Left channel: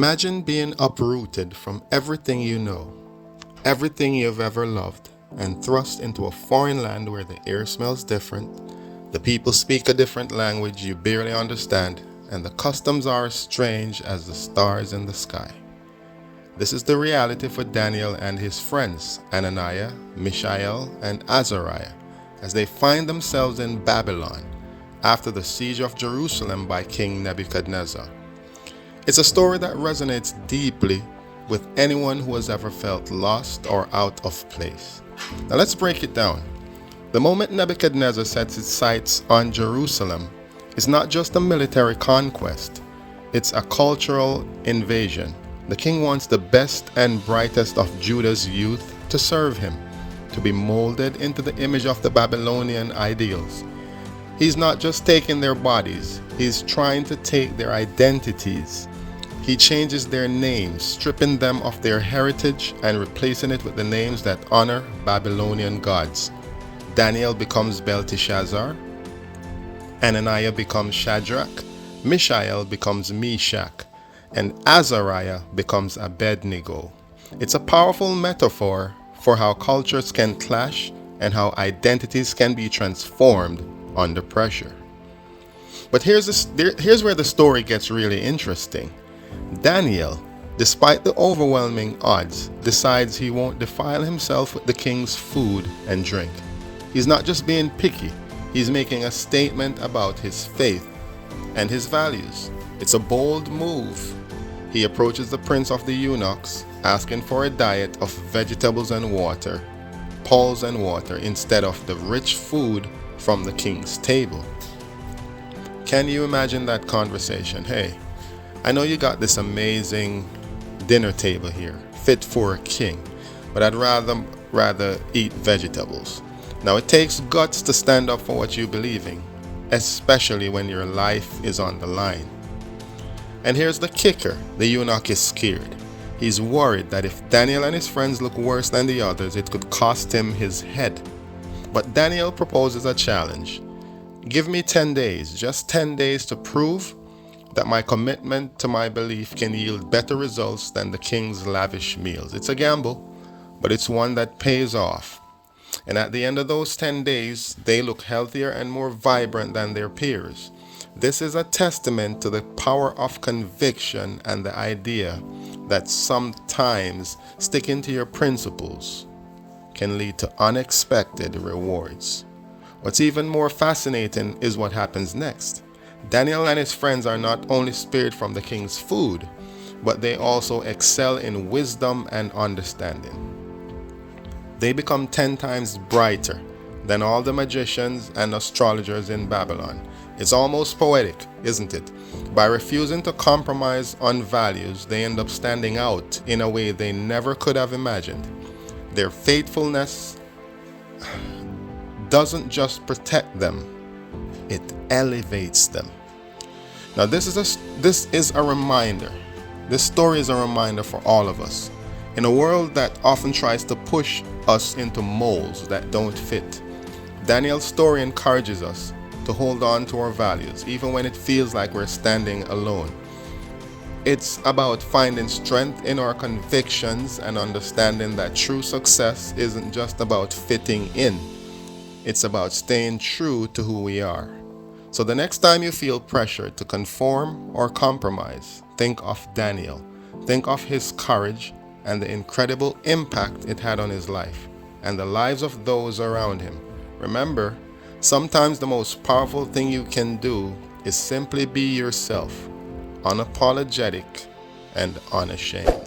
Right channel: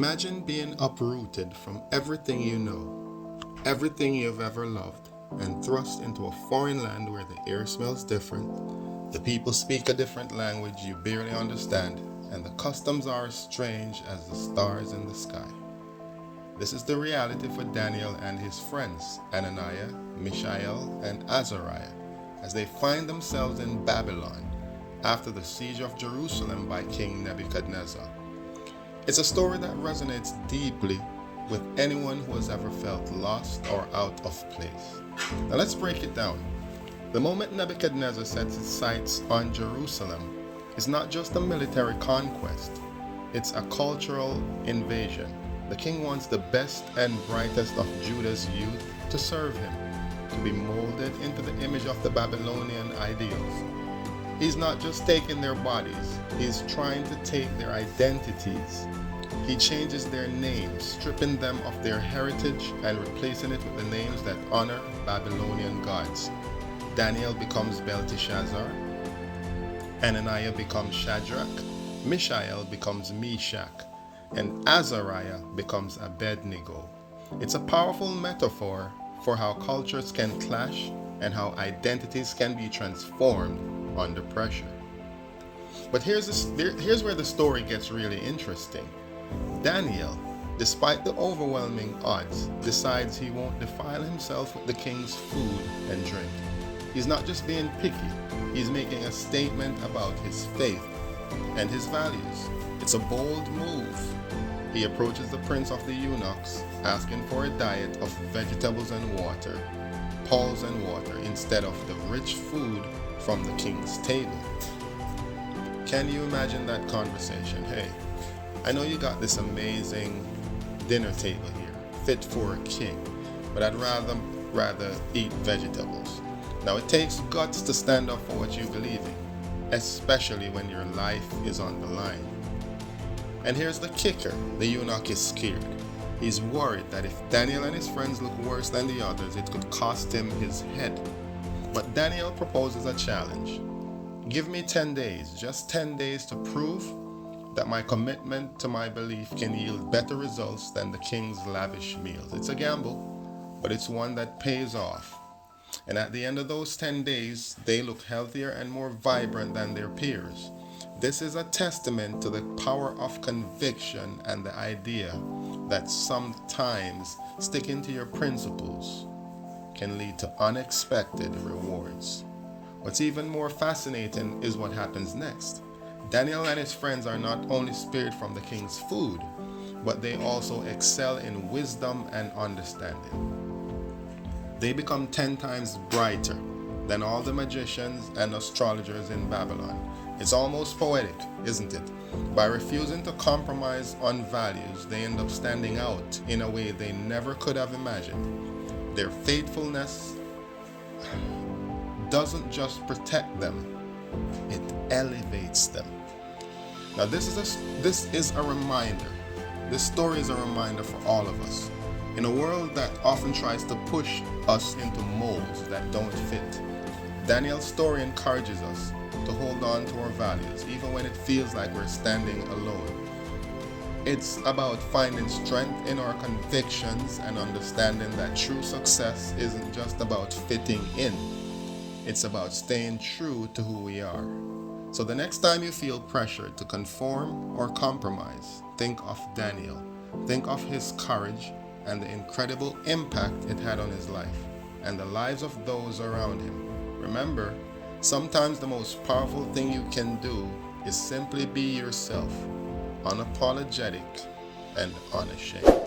Imagine being uprooted from everything you know, everything you've ever loved, and thrust into a foreign land where the air smells different, the people speak a different language you barely understand, and the customs are as strange as the stars in the sky. This is the reality for Daniel and his friends, Ananiah, Mishael, and Azariah, as they find themselves in Babylon after the siege of Jerusalem by King Nebuchadnezzar. It's a story that resonates deeply with anyone who has ever felt lost or out of place. Now let's break it down. The moment Nebuchadnezzar sets his sights on Jerusalem, it's not just a military conquest, it's a cultural invasion. The king wants the best and brightest of Judah's youth to serve him, to be molded into the image of the Babylonian ideals. He's not just taking their bodies, he's trying to take their identities. He changes their names, stripping them of their heritage and replacing it with the names that honor Babylonian gods. Daniel becomes Belteshazzar, Ananiah becomes Shadrach, Mishael becomes Meshach, and Azariah becomes Abednego. It's a powerful metaphor for how cultures can clash and how identities can be transformed under pressure. But here's where the story gets really interesting. Daniel, despite the overwhelming odds, decides he won't defile himself with the king's food and drink. He's not just being picky, he's making a statement about his faith and his values. It's a bold move. He approaches the prince of the eunuchs, asking for a diet of vegetables and water, pulse and water, instead of the rich food from the king's table. Can you imagine that conversation? Hey, I know you got this amazing dinner table here, fit for a king, but I'd rather eat vegetables. Now it takes guts to stand up for what you believe in, especially when your life is on the line. And here's the kicker, the eunuch is scared. He's worried that if Daniel and his friends look worse than the others, it could cost him his head. But Daniel proposes a challenge. Give me 10 days, just 10 days to prove that my commitment to my belief can yield better results than the king's lavish meals. It's a gamble, but it's one that pays off. And at the end of those 10 days, they look healthier and more vibrant than their peers. This is a testament to the power of conviction and the idea that sometimes sticking to your principles can lead to unexpected rewards. What's even more fascinating is what happens next. Daniel and his friends are not only spared from the king's food, but they also excel in wisdom and understanding. They become 10 times brighter than all the magicians and astrologers in Babylon. It's almost poetic, isn't it? By refusing to compromise on values, they end up standing out in a way they never could have imagined. Their faithfulness doesn't just protect them, it elevates them. Now this is a reminder. This story is a reminder for all of us. In a world that often tries to push us into molds that don't fit, Daniel's story encourages us to hold on to our values, even when it feels like we're standing alone. It's about finding strength in our convictions and understanding that true success isn't just about fitting in. It's about staying true to who we are. So the next time you feel pressure to conform or compromise, think of Daniel. Think of his courage and the incredible impact it had on his life and the lives of those around him. Remember, sometimes the most powerful thing you can do is simply be yourself, unapologetic and unashamed.